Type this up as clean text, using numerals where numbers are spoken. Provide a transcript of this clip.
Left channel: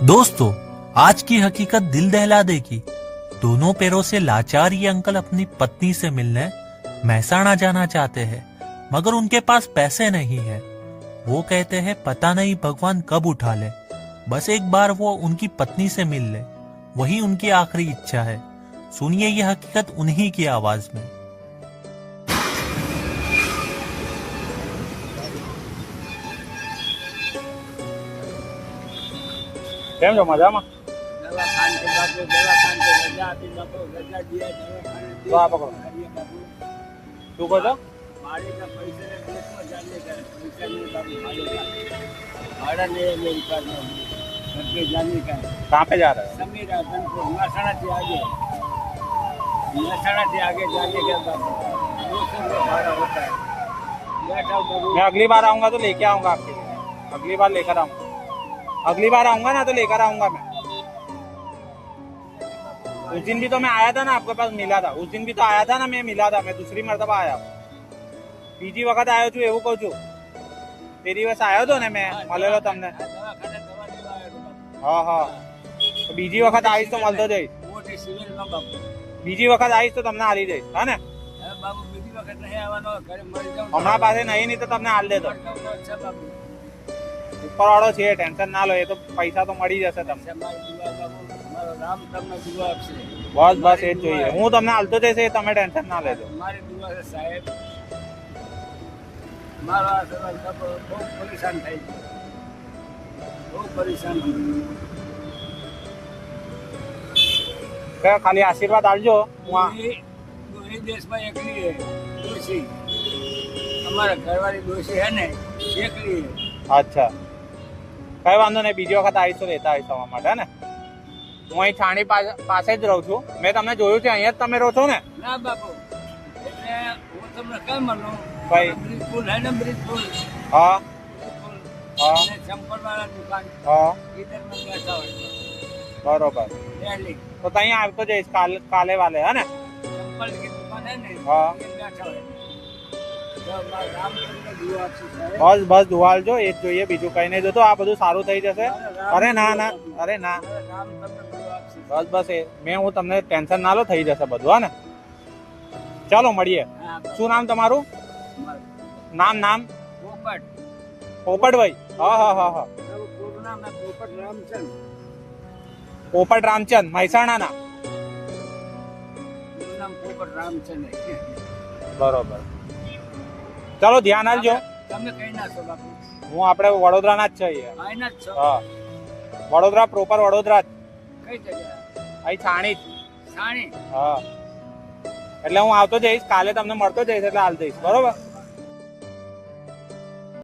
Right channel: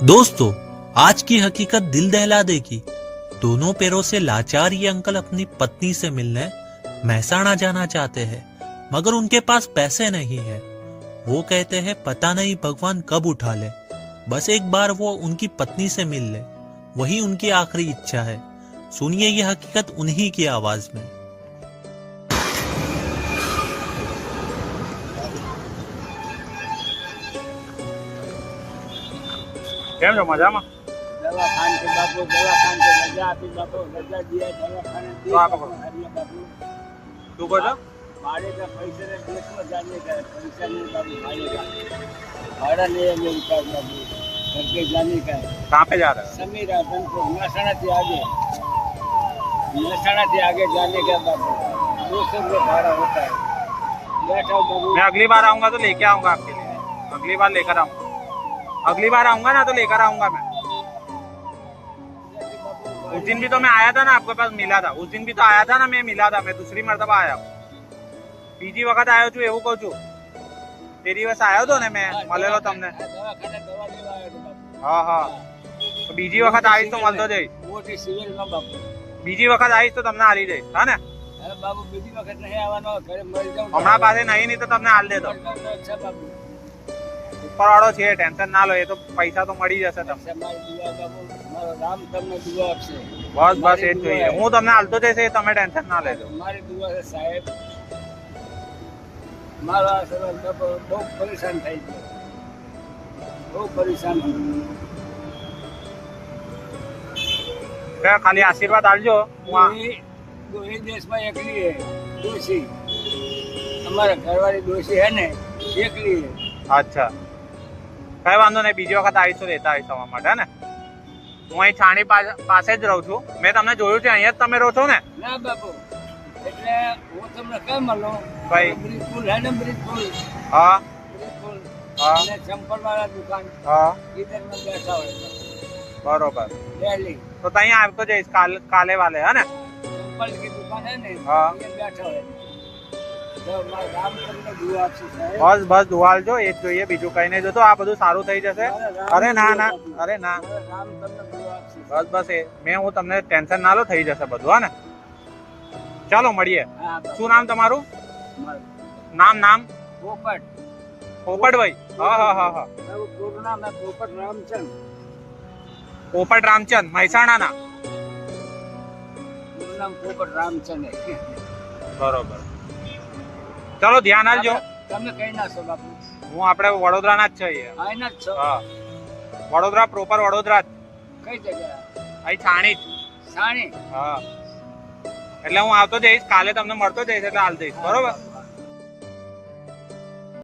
दोस्तों, आज की हकीकत दिल दहला देगी। दोनों पैरों से लाचार ये अंकल अपनी पत्नी से मिलने महसाणा जाना चाहते हैं, मगर उनके पास पैसे नहीं है। वो कहते हैं पता नहीं भगवान कब उठा ले, बस एक बार वो उनकी पत्नी से मिल ले, वही उनकी आखिरी इच्छा है। सुनिए ये हकीकत उन्हीं की आवाज में। કેમ છો મજામાં? તો આ પકડો. શું કહો છો? कहाँ पे जा रहे हो? महसाणा आगे जाने के बाद 200 रुपये भाड़ा होता है। बैठा बाबू, मैं अगली बार आऊंगा तो लेके आऊंगा आपके लिए। अगली बार लेकर आऊंगा। अगली बार आऊंगा ना तो लेकर आऊंगा मैं। उस दिन भी तो मैं आया था ना, आपके पास मिला था। उस दिन भी तो आया था ना, मैं मिला था। मैं दूसरी मरतबा आया हूँ। બીજી વખત આવ્યો છું એવું કહું છું। તે દિવસ આવ્યો હતો ને મેં, મળેલો તમને। દવાખાને દવા લેવા આવ્યો હતો બાપુ। હા હા, તો બીજી વખત આવીશ તો મળતો જઈશ। મોટી સિવિલમાં બાપુ। બીજી વખત આવીશ તો તમને આલી દઈશ, હા ને? હવે બાબુ બીજી વખત નહીં આવવાનો, ઘરે મરી જાઉં। હમણાં પાસે નહીં નહીં તો તમને આલ દેતો। છે બાબુ, ઉપર વાળો છે, ટેન્શન ના લો, એ તો પૈસા તો મળી જશે તમને। મારી દુઆ બાબુ, મારો રામ તમને દુઆ આપશે। બસ બસ એ જ જોઈએ। હું તમને આલતો જઈશ, એ તમે ટેન્શન ના લેજો। મારી દુઆ છે સાહેબ। મારો આ સવાલ બાબુ બહુ પરેશાન થઈ ગયો, બહુ પરેશાન થઈ ગયો। ખાલી આશીર્વાદ આલજો। હું એ દેશમાં એકલી હે ડોશી, અમારા ઘરવાળી ડોશી હે ને એકલી હે। અચ્છા, કઈ વાંધો નહીં, બીજી વખત આવીશ તો લેતા આવીશ તમારા માટે, હે ને? હું અહીં છાણી પાસે જ રહું છું। મેં તમને જોયું છે, અહીંયા જ તમે રહો છો ને? ના બાપુ, એટલે હું તમને કેમ મળું ભાઈ? બ્રિજપુલ હે ને, બ્રિજપુલ હા બ્રિજપુલ હા અને ચંપલ વાળા દુકાન હા, ઈડરમાં બેઠા હોય બરોબર। ડેલી તો ત્યાં આવતો જઈશ કાલે વાલે, હે ને? ચંપલ की दुकान है ने, हाँ। ये बैठा है। तो मारा राम તમને દુઆ આપશે સાહેબ। બસ બસ દુઆલજો, એ જ જોઈએ, બીજું કઈ નહીં જોતો। આ બધું સારું થઈ જશે। અરે ના ના, અરે ના, રામ તમને દુઆ આપશે। બસ બસ એ હું તમને ટેન્શન ના લો, થઈ જશે બધું, હા ને? ચાલો મળીએ। હા બાપુ, શું નામ તમારું? મારું નામ? પોપટ, પોપટભાઈ? હા હા હા હા, મારું પૂરું નામ है પોપટ રામચંદ। પોપટ રામચંદ, મહેસાણાના? પૂરું નામ પોપટ રામચંદ है। બરોબર, ચાલો ધ્યાન આપજો। તમે કઈ ના છો બાપુ? હું આપણે વડોદરાના જ છીએ। આઈના જ છો? હા, વડોદરા પ્રોપર વડોદરા જ, કઈ જગ્યા? અહીં છાણી જ। સાણી? હા, એટલે હું આવતો જઈશ, કાલે તમને મળતો જઈશ, એટલે હાલ જઈશ, બરોબર?